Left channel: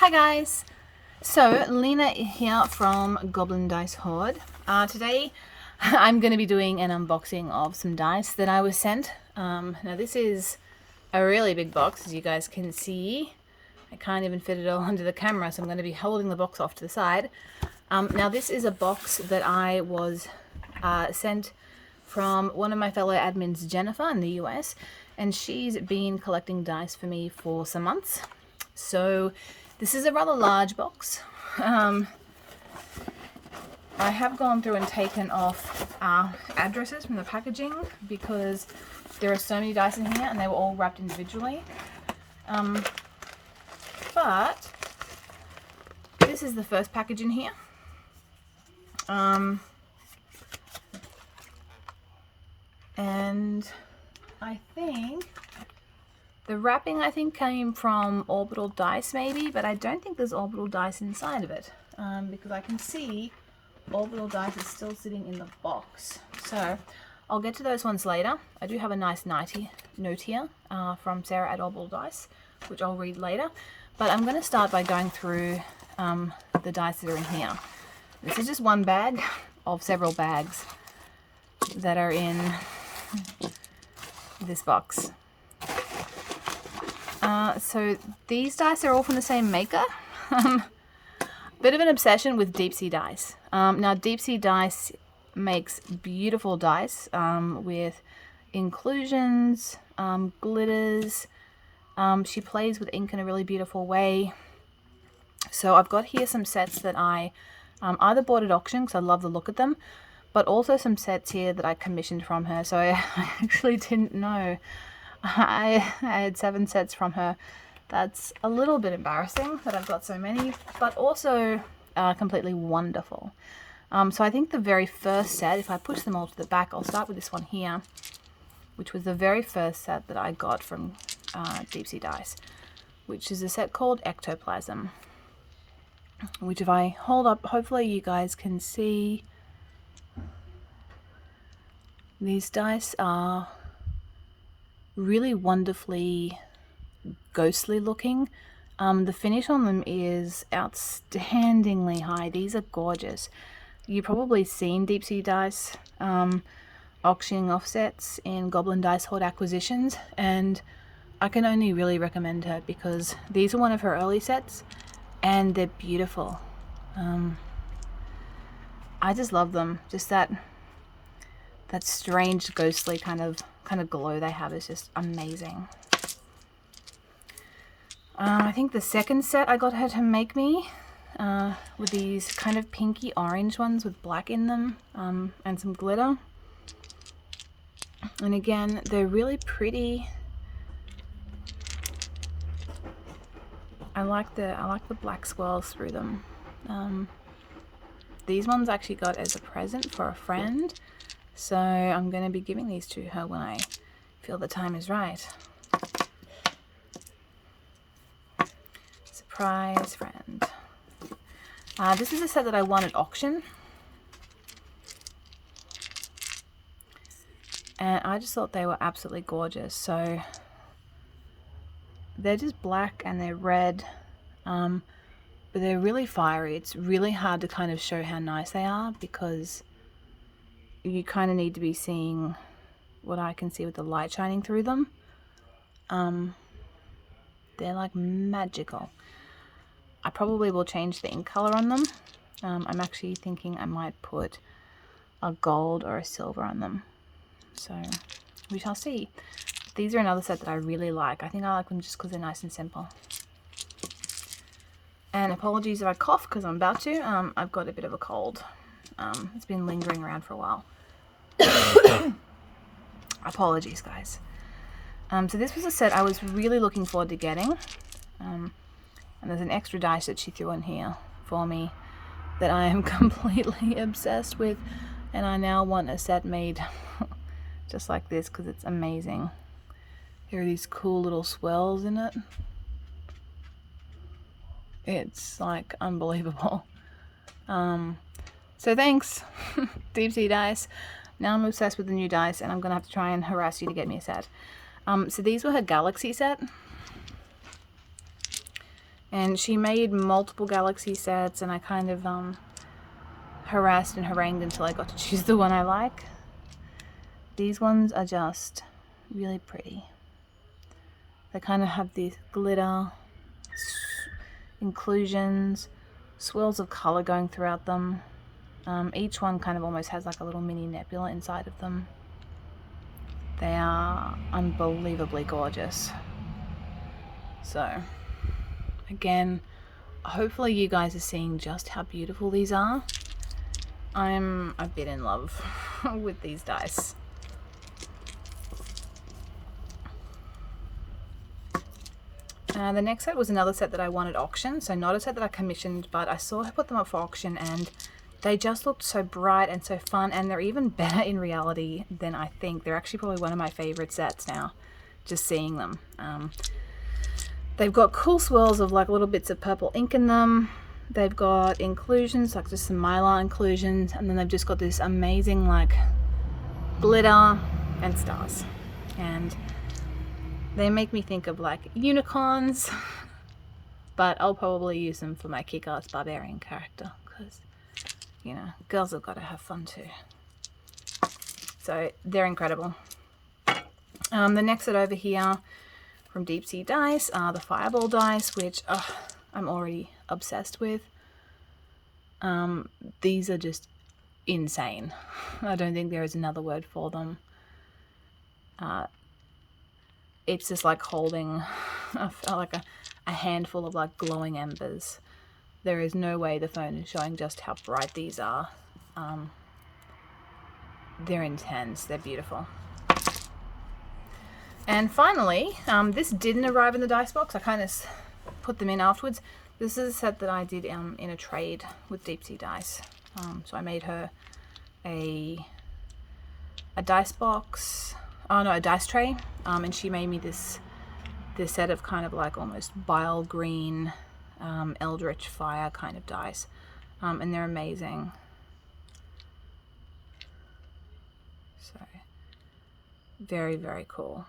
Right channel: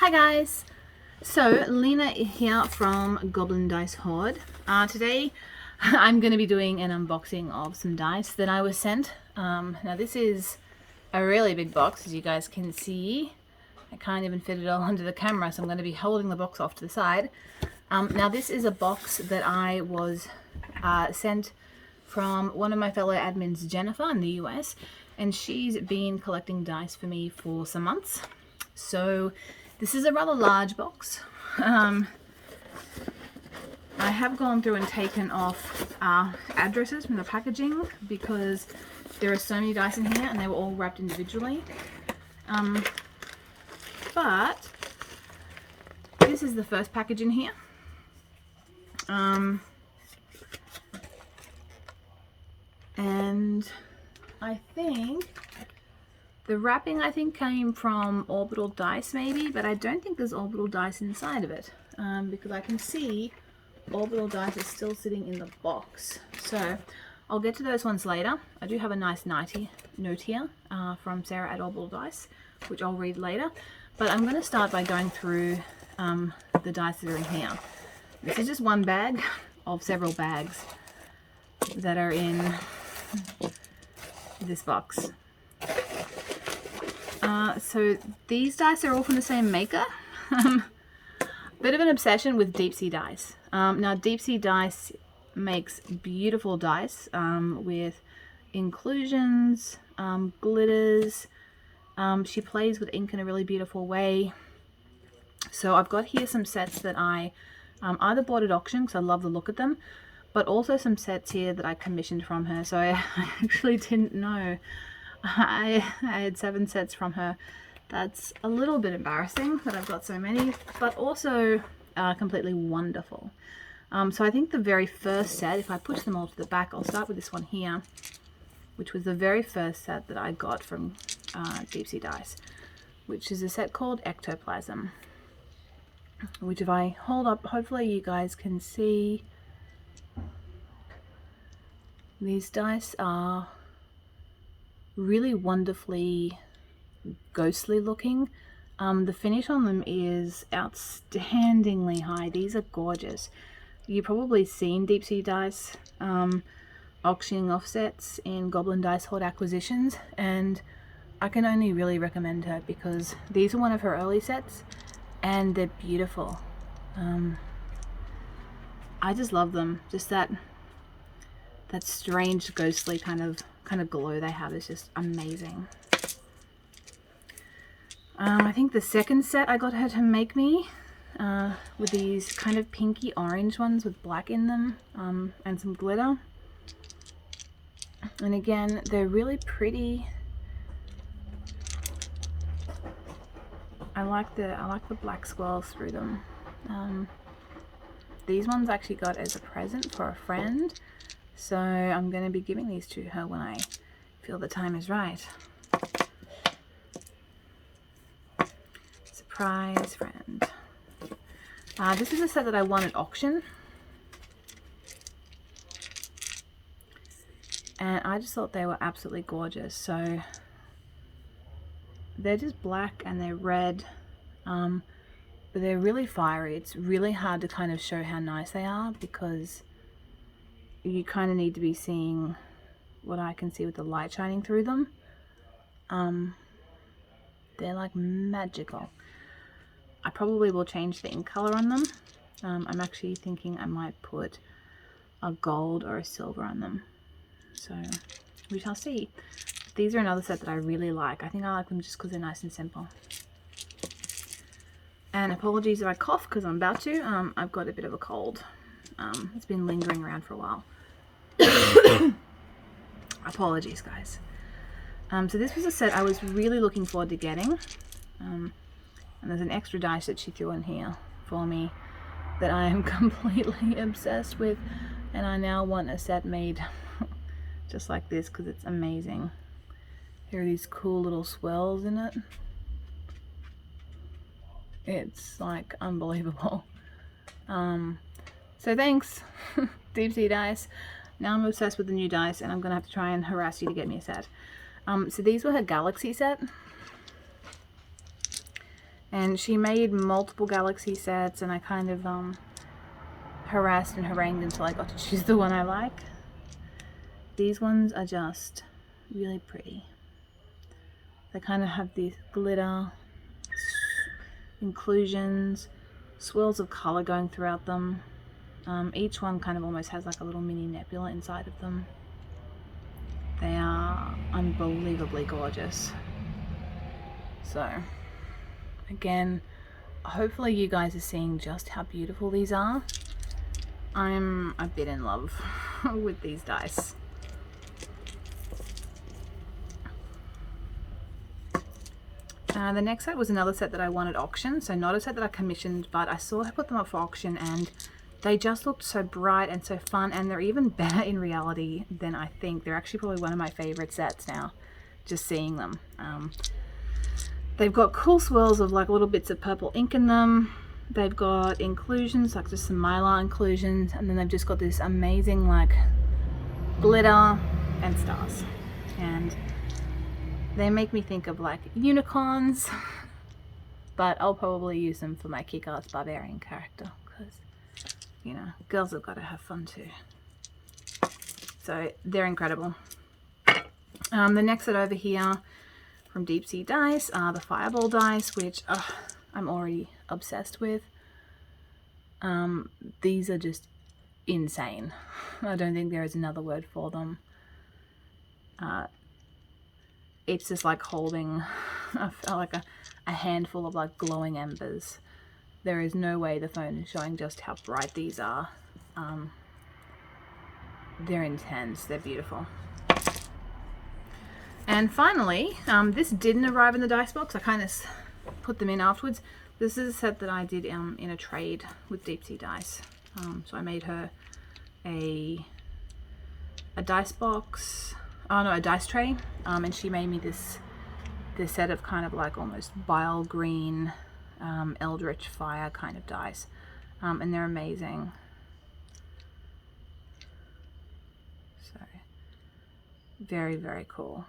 Hi guys! So Lena here from Goblin Dice Horde. Today I'm going to be doing an unboxing of some dice that I was sent. Now this is a really big box, as you guys can see. I can't even fit it all onto the camera, so I'm going to be holding the box off to the side. Now this is a box that I was sent from one of my fellow admins, Jennifer, in the US, and she's been collecting dice for me for some months. So this is a rather large box. I have gone through and taken off addresses from the packaging because there are so many dice in here and they were all wrapped individually. But this is the first package in here. And I think the wrapping came from Orbital Dice maybe, but I don't think there's Orbital Dice inside of it because I can see Orbital Dice is still sitting in the box. So I'll get to those ones later. I do have a nice note here from Sarah at Orbital Dice, which I'll read later. But I'm going to start by going through the dice that are in here. This is just one bag of several bags that are in this box. So these dice are all from the same maker. Bit of an obsession with Deep Sea Dice. Now Deep Sea Dice makes beautiful dice with inclusions, glitters. She plays with ink in a really beautiful way. So I've got here some sets that I either bought at auction because I love the look of them, but also some sets here that I commissioned from her. So I actually didn't know I had 7 sets from her. That's a little bit embarrassing that I've got so many, but also completely wonderful. So I think the very first set, if I push them all to the back, I'll start with this one here, which was the very first set that I got from Deep Sea Dice, which is a set called Ectoplasm, which if I hold up, hopefully you guys can see. These dice are really wonderfully ghostly looking. The finish on them is outstandingly high. These are gorgeous. You've probably seen Deep Sea Dice auctioning off sets in Goblin Dice Horde acquisitions, and I can only really recommend her because these are one of her early sets and they're beautiful. I just love them. Just that strange ghostly kind of glow they have is just amazing. I think the second set I got her to make me with these kind of pinky orange ones with black in them and some glitter. And again, they're really pretty. I like the black swirls through them. These ones I actually got as a present for a friend, so I'm going to be giving these to her when I feel the time is right. Surprise friend. This is a set that I won at auction, and I just thought they were absolutely gorgeous. So they're just black and they're red, but they're really fiery. It's really hard to kind of show how nice they are because you kind of need to be seeing what I can see with the light shining through them. They're like magical. I probably will change the ink color on them. I'm actually thinking I might put a gold or a silver on them, so we shall see. These are another set that I really like. I think I like them just because they're nice and simple. And apologies if I cough because I'm about to. I've got a bit of a cold. It's been lingering around for a while. Apologies guys. So this was a set I was really looking forward to getting. And there's an extra dice that she threw in here for me that I am completely obsessed with, and I now want a set made just like this because it's amazing. Here are these cool little swirls in it. It's like unbelievable. So thanks Deep Sea Dice. Now I'm obsessed with the new dice and I'm gonna have to try and harass you to get me a set. So these were her Galaxy set, And she made multiple galaxy sets, and I kind of harassed and harangued until I got to choose the one I like. These ones are just really pretty. They kind of have these glitter inclusions, swirls of color going throughout them. Each one kind of almost has like a little mini nebula inside of them. They are unbelievably gorgeous. So again, hopefully you guys are seeing just how beautiful these are. I'm a bit in love with these dice. The next set was another set that I won at auction, so not a set that I commissioned, but I saw her put them up for auction and they just looked so bright and so fun, and they're even better in reality than I think. They're actually probably one of my favorite sets now, just seeing them. They've got cool swirls of like little bits of purple ink in them. They've got inclusions, like just some mylar inclusions, and then they've just got this amazing like glitter and stars. And they make me think of like unicorns, but I'll probably use them for my kick-ass barbarian character because, you know, girls have got to have fun too. So they're incredible. The next set over here from Deep Sea Dice are the Fireball dice, which I'm already obsessed with. These are just insane. I don't think there is another word for them. It's just like holding a handful of like glowing embers. There is no way the phone is showing just how bright these are. They're intense, they're beautiful. And finally, this didn't arrive in the dice box. I kind of put them in afterwards. This is a set that I did in a trade with Deep Sea Dice. So I made her a dice box. Oh no, a dice tray, and she made me this set of kind of like almost bile green, eldritch fire kind of dice, and they're amazing. So very, very cool.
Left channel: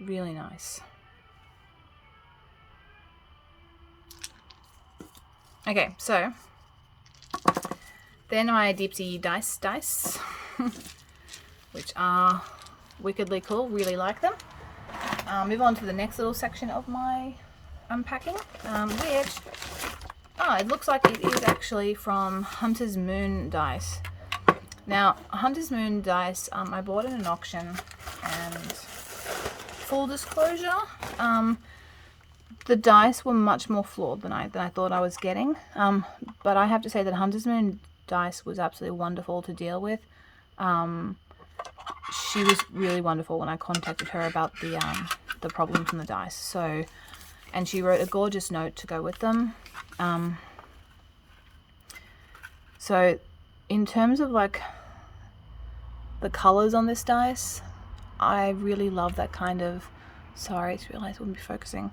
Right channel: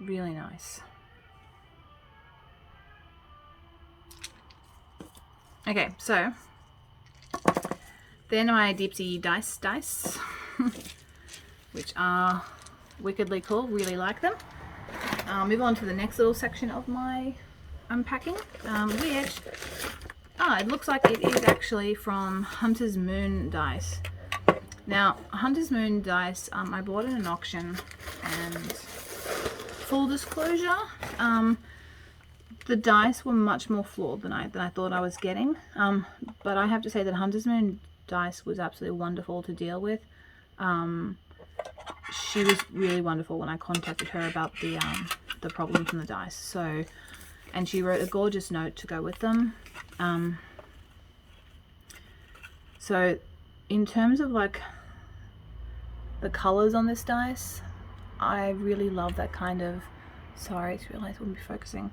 Really nice. Okay, so then my Deep Sea dice, which are wickedly cool, really like them. Move on to the next little section of my unpacking, which, it looks like it is actually from Hunter's Moon dice. Now, Hunter's Moon dice, I bought in an auction, and full disclosure, the dice were much more flawed than I thought I was getting. But I have to say that Hunter's Moon dice was absolutely wonderful to deal with. She was really wonderful when I contacted her about the problem from the dice. So, and she wrote a gorgeous note to go with them. So in terms of like the colors on this dice, I really love that kind of, sorry, I just realized I wouldn't be focusing.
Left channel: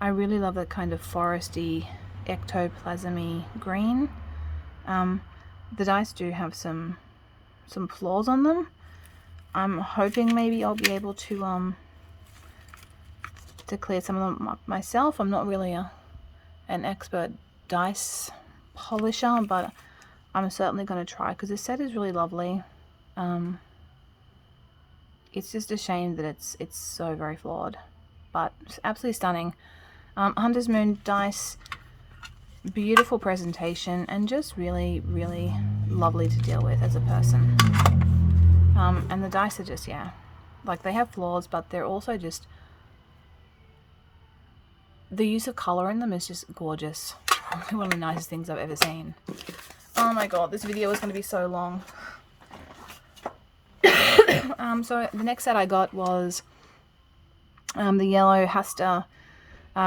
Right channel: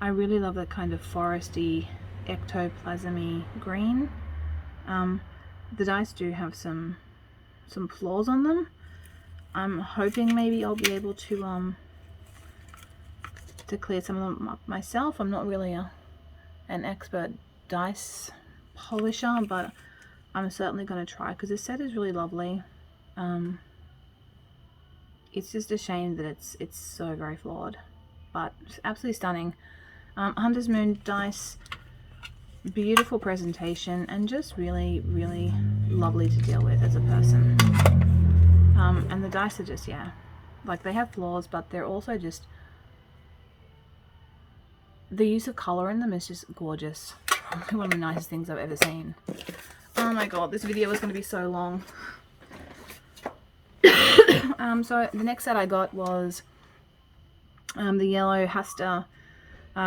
I really love that kind of foresty, ectoplasmy green. The dice do have some flaws on them. I'm hoping maybe I'll be able to clear some of them up myself. I'm not really an expert dice polisher, but I'm certainly going to try, because this set is really lovely. It's just a shame that it's so very flawed, but it's absolutely stunning. Hunter's Moon dice, beautiful presentation, and just really, really lovely to deal with as a person. And the dice are just, yeah, like they have flaws, but they're also just, the use of color in them is just gorgeous. Probably one of the nicest things I've ever seen. Oh my god, this video is going to be so long. So the next set I got was the yellow Hasta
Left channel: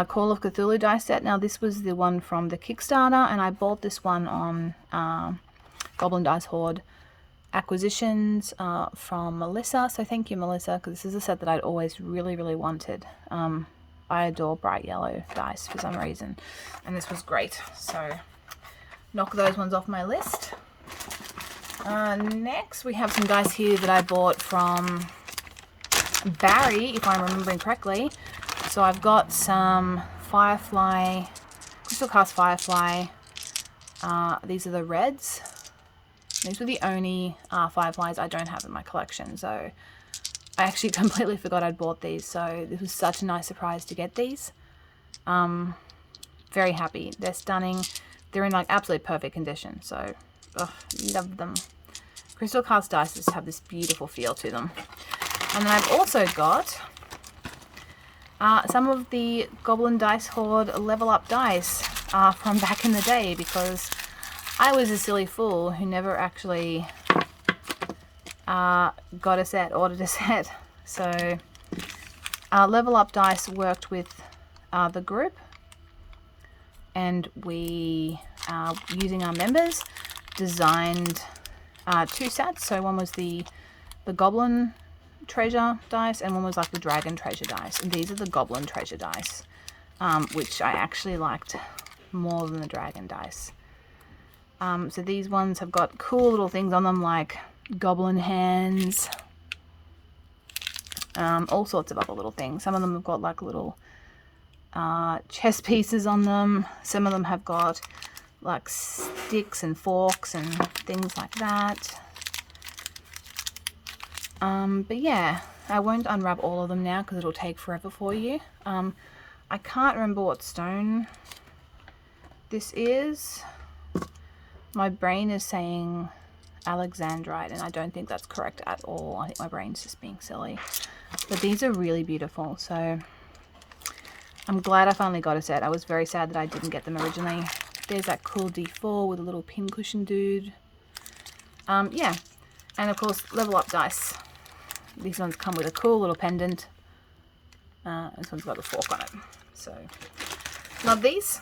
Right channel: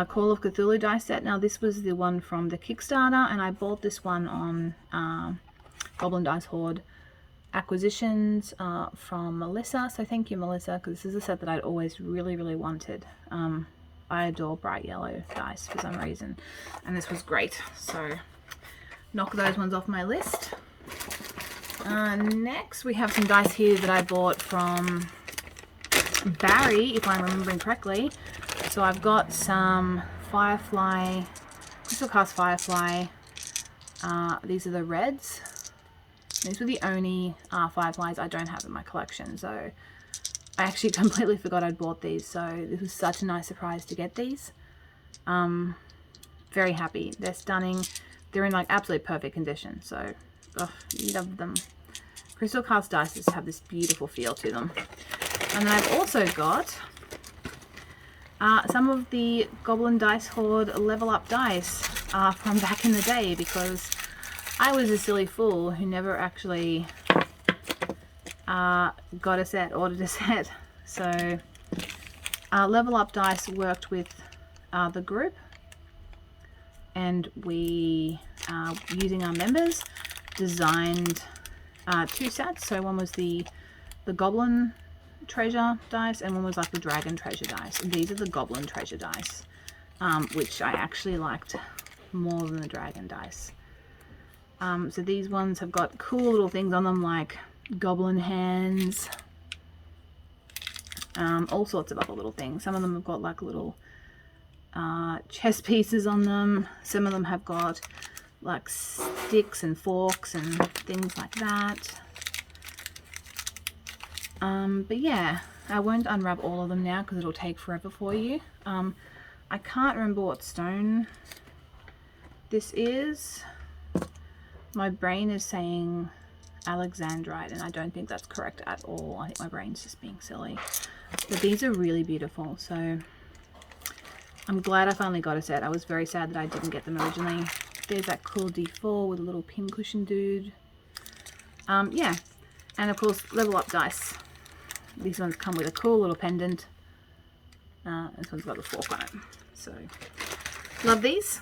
Call of Cthulhu dice set. Now this was the one from the Kickstarter, and I bought this one on Goblin Dice Horde acquisitions from Melissa. So thank you, Melissa, because this is a set that I'd always really, really wanted. I adore bright yellow dice for some reason, and this was great. So knock those ones off my list. Next we have some dice here that I bought from Barry, if I'm remembering correctly. So I've got some Firefly, Crystal Cast Firefly. These are the reds. These were the only Fireflies I don't have in my collection. So I actually completely forgot I'd bought these. So this was such a nice surprise to get these. Very happy. They're stunning. They're in like absolutely perfect condition. So, love them. Crystal Cast dice just have this beautiful feel to them. And then I've also got some of the Goblin Dice Horde Level Up dice from back in the day, because I was a silly fool who never actually got a set, ordered a set. So Level Up dice worked with the group, and we, using our members, designed 2 sets. So one was the Goblin Treasure dice, and one was like the Dragon Treasure dice. And these are the Goblin Treasure dice, which I actually liked more than the Dragon dice. So these ones have got cool little things on them, like goblin hands, all sorts of other little things. Some of them have got like little chess pieces on them. Some of them have got like sticks and forks and things like that. But yeah, I won't unwrap all of them now because it'll take forever for you. I can't remember what stone this is. My brain is saying Alexandrite, and I don't think that's correct at all. I think my brain's just being silly. But these are really beautiful, so I'm glad I finally got a set. I was very sad that I didn't get them originally. There's that cool D4 with a little pincushion dude. Yeah, and of course Level Up dice. These ones come with a cool little pendant. This one's got a fork on it. So, love these.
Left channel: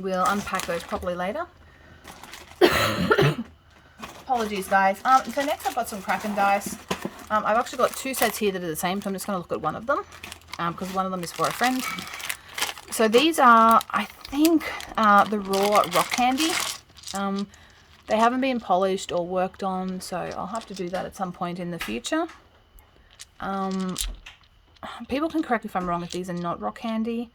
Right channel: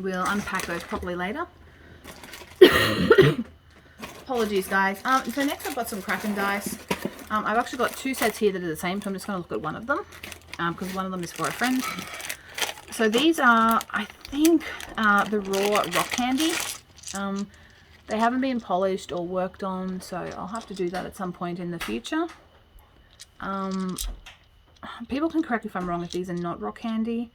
We'll unpack those properly later. Apologies, guys. So next I've got some Kraken dice. I've actually got 2 sets here that are the same, so I'm just going to look at one of them, because one of them is for a friend. So these are, I think, the raw rock candy. They haven't been polished or worked on, so I'll have to do that at some point in the future. People can correct me if I'm wrong if these are not rock candy,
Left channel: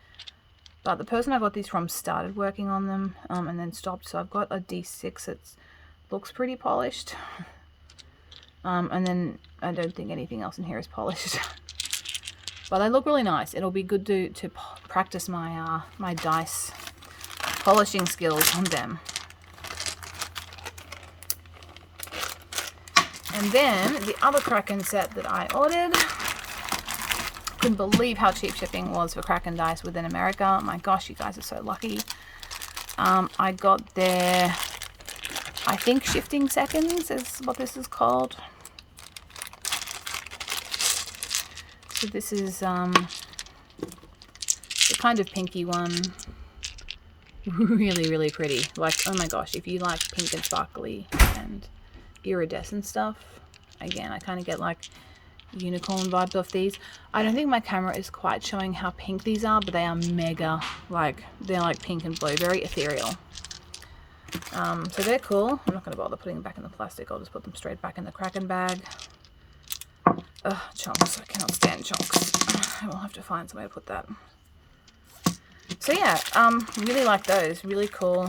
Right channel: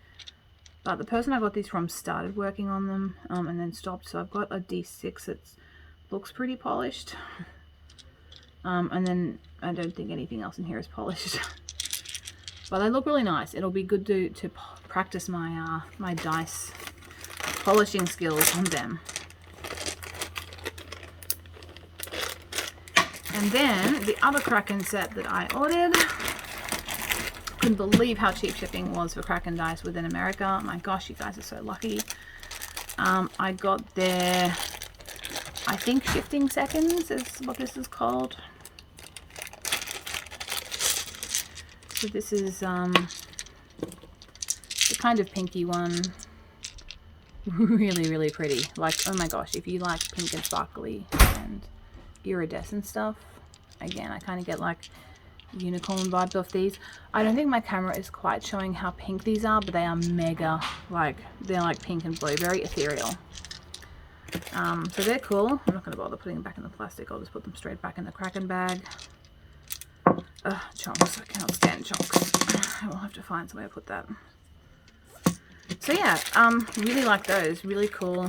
but the person I got these from started working on them and then stopped. So I've got a D6 that looks pretty polished, and then I don't think anything else in here is polished. But they look really nice. It'll be good to practice my my dice polishing skills on them. And then the other Kraken set that I ordered, couldn't believe how cheap shipping was for Kraken dice within America. My gosh, you guys are so lucky. I got their, I think, Shifting Seconds is what this is called. So this is the kind of pinky one. Really, really pretty. Like, oh my gosh, if you like pink and sparkly and iridescent stuff, again, I kind of get like unicorn vibes off these. I don't think my camera is quite showing how pink these are, but they are mega, like, they're like pink and blue, very ethereal. So they're cool. I'm not going to bother putting them back in the plastic. I'll just put them straight back in the Kraken bag. Chunks. I cannot stand chunks. I will have to find some way to put that. So yeah, really like those. Really cool.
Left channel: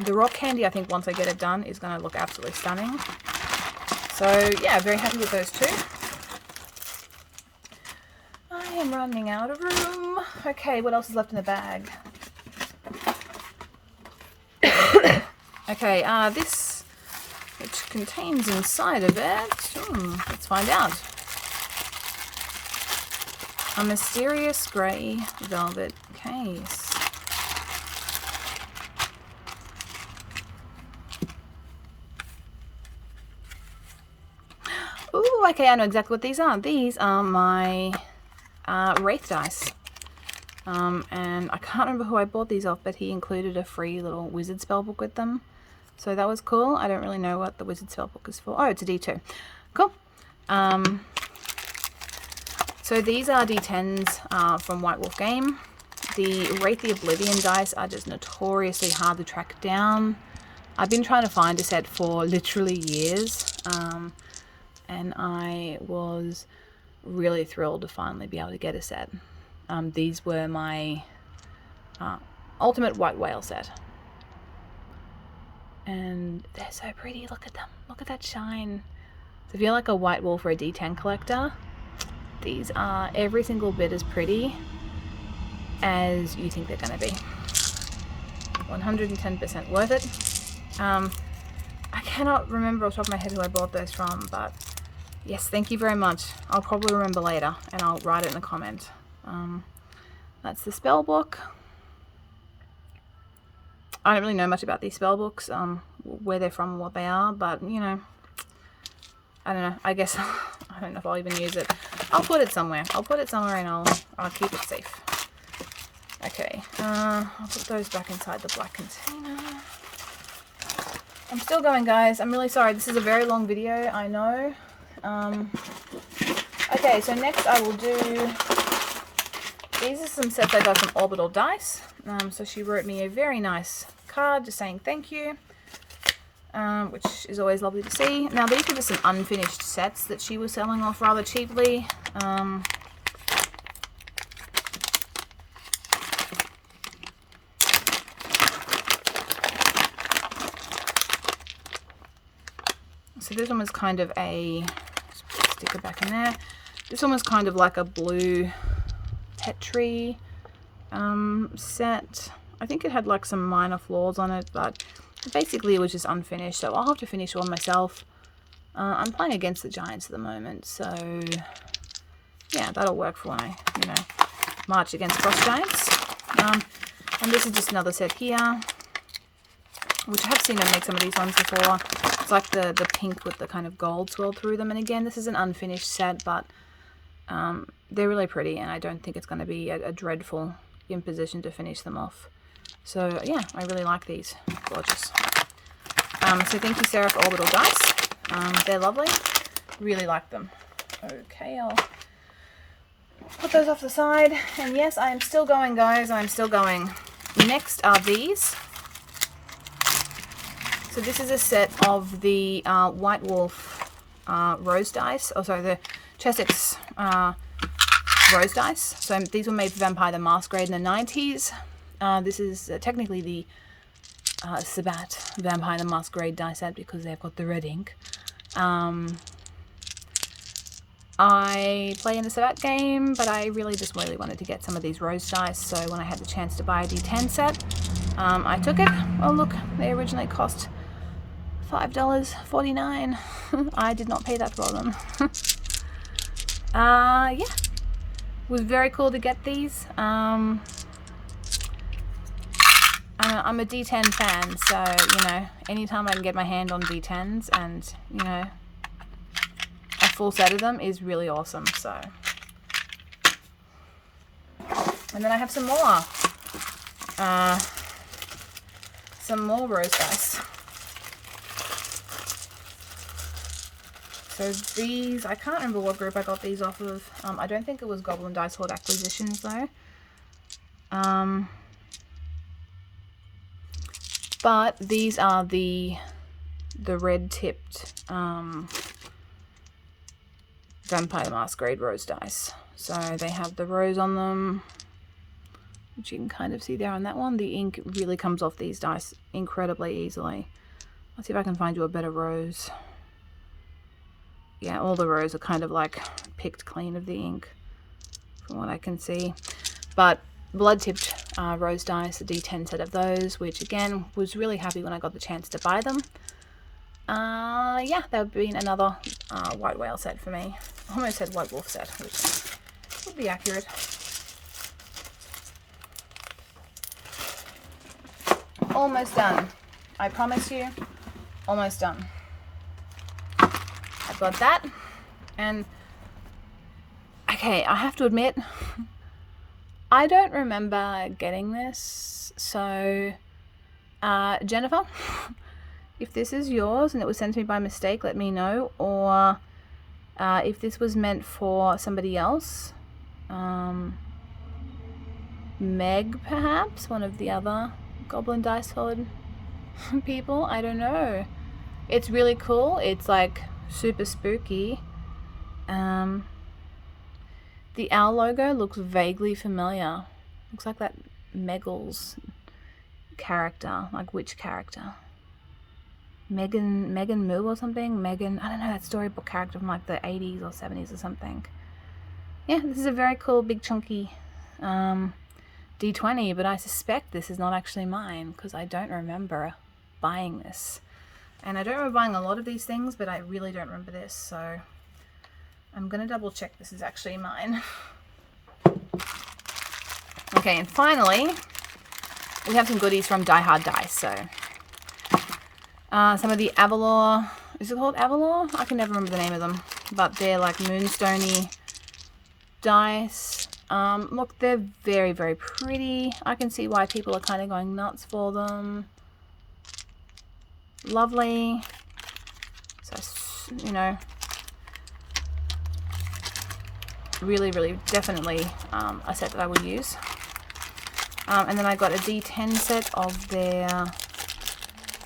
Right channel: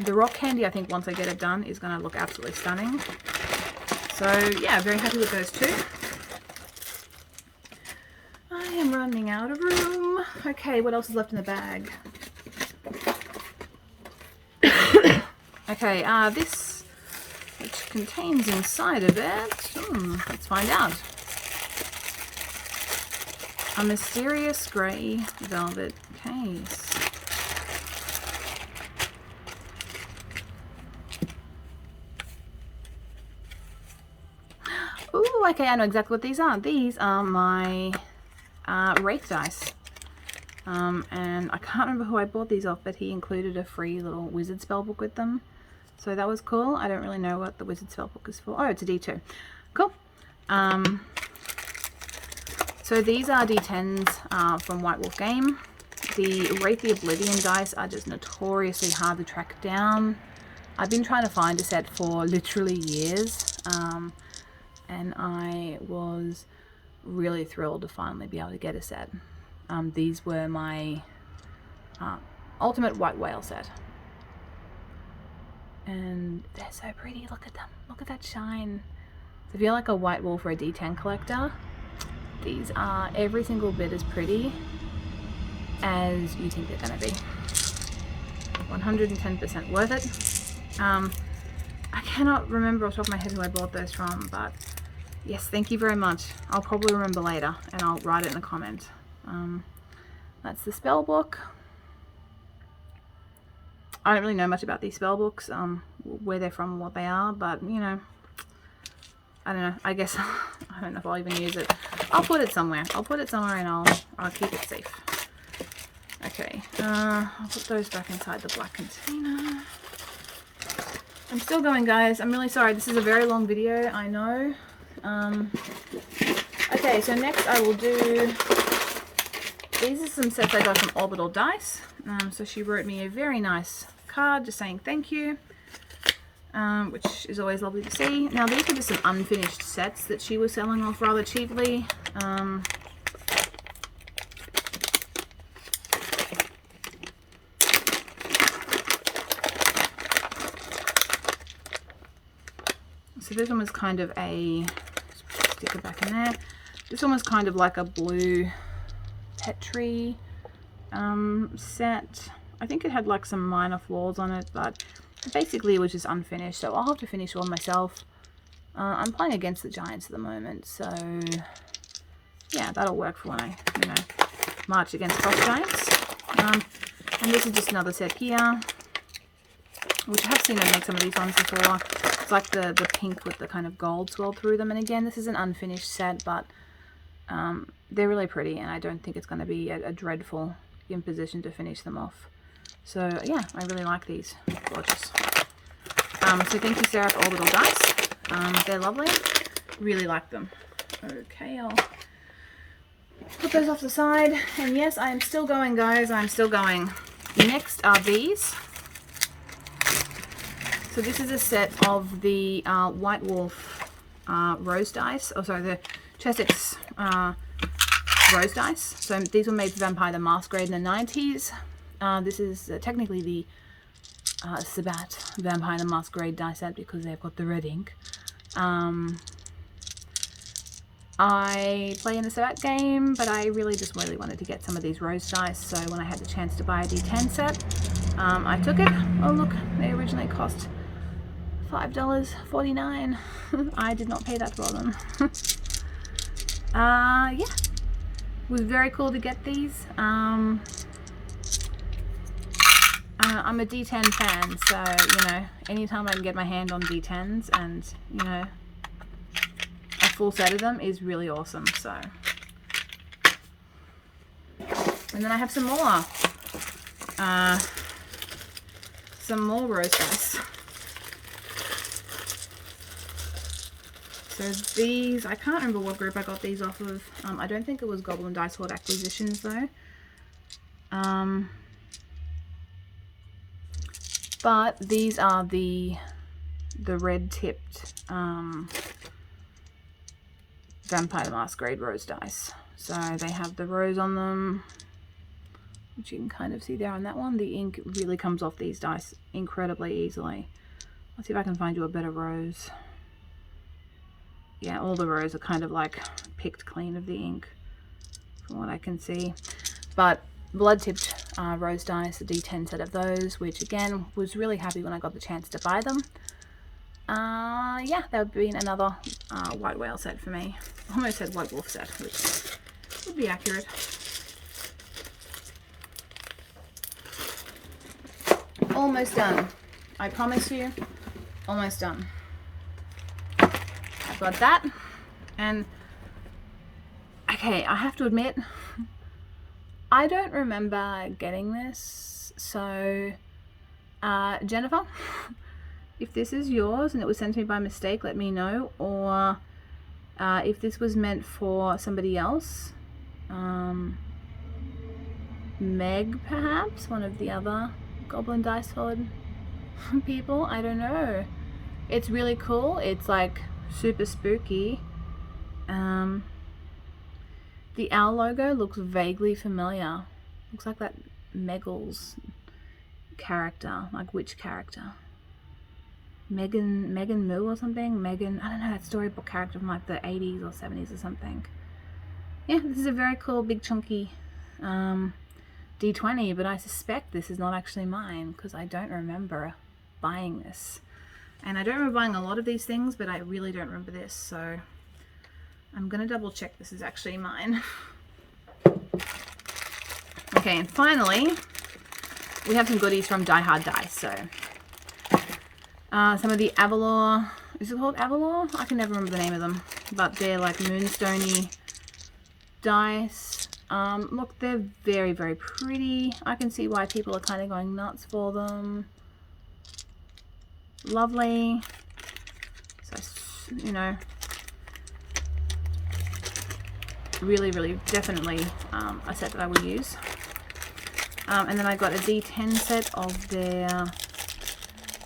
The rock candy, I think once I get it done, is going to look absolutely stunning. So yeah, very happy with those 2. I am running out of room. Okay, what else is left in the bag? Okay, this, which contains inside of it, let's find out. A mysterious grey velvet case. Ooh, okay, I know exactly what these are. These are my Wraith dice. And I can't remember who I bought these off, but he included a free little wizard spellbook with them. So that was cool. I don't really know what the wizard spellbook is for. Oh, it's a D2. Cool. So these are D10s from White Wolf Game. The Wraith the Oblivion dice are just notoriously hard to track down. I've been trying to find a set for literally years. And I was really thrilled to finally be able to get a set. These were my ultimate white whale set. And they're so pretty. Look at them. Look at that shine. So if you're like a white wolf or a D10 collector, these are every single bit as pretty as you think they're going to be. 110% worth it. I cannot remember off the top of my head who I bought those from, but yes, thank you very much. I'll probably remember later and I'll write it in a comment. That's the spell book. I don't really know much about these spell books, where they're from, what they are, but you know, I don't know. I guess I don't know if I'll even use it. I'll put it somewhere. I'll put it somewhere and I'll keep it safe. Okay, I'll put those back inside the black container. I'm still going, guys. I'm really sorry. This is a very long video, I know. Okay, so next I will do, these are some sets I got from Orbital Dice. So she wrote me a very nice card just saying thank you, which is always lovely to see. Now these are just some unfinished sets that she was selling off rather cheaply. So this one was kind of a, stick it back in there. This one was kind of like a blue Petri set. I think it had like some minor flaws on it, but basically it was just unfinished, so I'll have to finish one myself. I'm playing against the Giants at the moment, so yeah, that'll work for when I, you know, march against Frost Giants. And this is just another set here, which I have seen her make some of these ones before. It's like the pink with the kind of gold swirl through them, and again, this is an unfinished set, but they're really pretty, and I don't think it's going to be a dreadful imposition to finish them off. So yeah, I really like these. Gorgeous. So thank you, Sarah, for Orbital Dice. They're lovely. Really like them. Okay, I'll put those off the side. And yes, I am still going, guys. I'm still going. Next are these. So this is a set of the White Wolf rose dice. Oh, sorry, the Chessex rose dice. So these were made for Vampire the Masquerade in the 90s. This is technically the Sabat Vampire the Masquerade die set because they've got the red ink. I play in the Sabat game, but I really just wanted to get some of these rose dice, so when I had the chance to buy a D10 set, I took it. Oh look, they originally cost $5.49. I did not pay that for them. Yeah, it was very cool to get these. I'm a D10 fan, so, you know, anytime I can get my hand on D10s and, you know, a full set of them is really awesome, so. And then I have some more rose dice. So these, I can't remember what group I got these off of. I don't think it was Goblin Dice Horde Acquisitions though. But these are the red tipped Vampire the Masquerade rose dice. So they have the rose on them, which you can kind of see there on that one. The ink really comes off these dice incredibly easily. Let's see if I can find you a better rose. Yeah, all the rows are kind of like picked clean of the ink from what I can see. But blood-tipped rose dice, a D10 set of those, which again, was really happy when I got the chance to buy them. Yeah, that would be another white whale set for me. Almost said white wolf set, which would be accurate. Almost done. I promise you, almost done. I've got that, and okay, I have to admit, I don't remember getting this, so Jennifer, if this is yours and it was sent to me by mistake, let me know, or if this was meant for somebody else, Meg perhaps, one of the other Goblin Dice Horde people, I don't know. It's really cool. It's like super spooky. The owl logo looks vaguely familiar. Looks like that Meggles character. Like which character? Megan Moo or something? Megan, I don't know, that storybook character from like the 80s or 70s or something. Yeah, this is a very cool big chunky D20, but I suspect this is not actually mine because I don't remember buying this. And I don't remember buying a lot of these things, but I really don't remember this, so I'm gonna double check this is actually mine. Okay, and finally, we have some goodies from Die Hard Dice. So some of the Avalor, is it called Avalor? I can never remember the name of them, but they're like moonstony dice. Look, they're very, very pretty. I can see why people are kind of going nuts for them. Lovely. So, you know, really, really, definitely a set that I would use. And then I got a D10 set of their,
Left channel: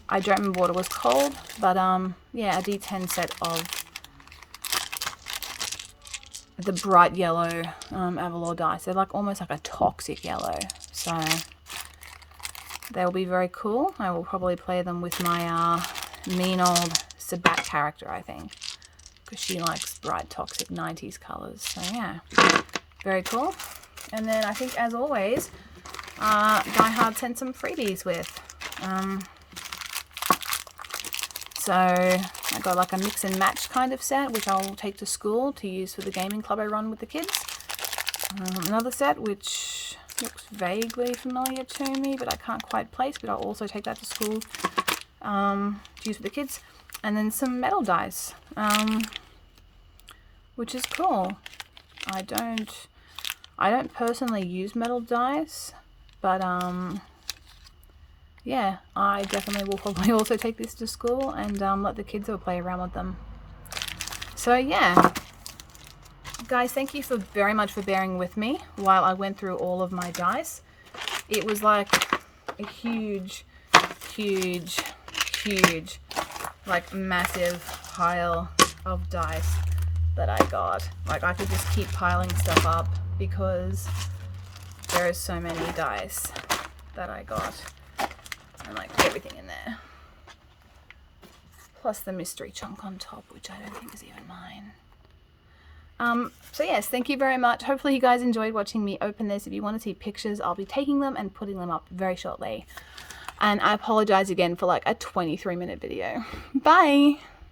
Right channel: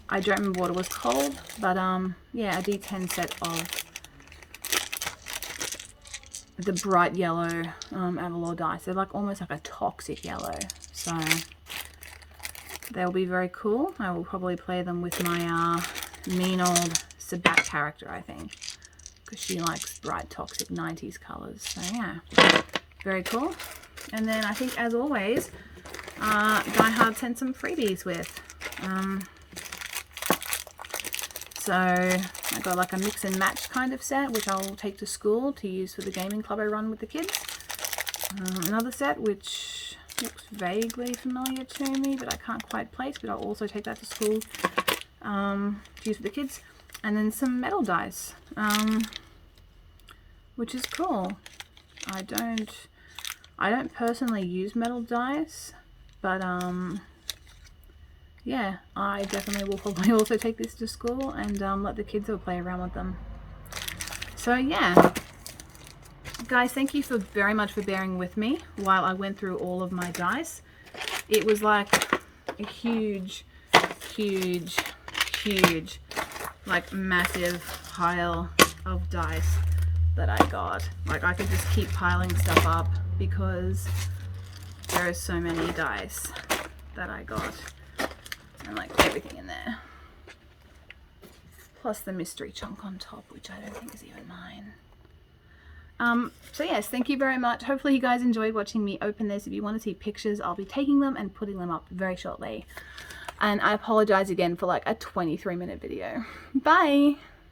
I don't remember what it was called, but yeah, a D10 set of the bright yellow Avalor dice. They're like almost like a toxic yellow, so they will be very cool. I will probably play them with my mean old Sabat character, I think, because she likes bright toxic 90s colors. So yeah, very cool. And then I think, as always, Die Hard sent some freebies with. So I got like a mix and match kind of set, which I'll take to school to use for the gaming club I run with the kids. Another set which looks vaguely familiar to me, but I can't quite place, but I'll also take that to school to use with the kids. And then some metal dice, which is cool. I don't personally use metal dice, but yeah, I definitely will probably also take this to school and let the kids all play around with them. So yeah, guys, thank you very much for bearing with me while I went through all of my dice. It was like a huge, like massive pile of dice that I got. Like I could just keep piling stuff up because there are so many dice that I got. And like everything in there. Plus the mystery chunk on top, which I don't think is even mine. So yes, thank you very much. Hopefully you guys enjoyed watching me open this. If you want to see pictures, I'll be taking them and putting them up very shortly. And I apologize again for like a 23-minute video. Bye!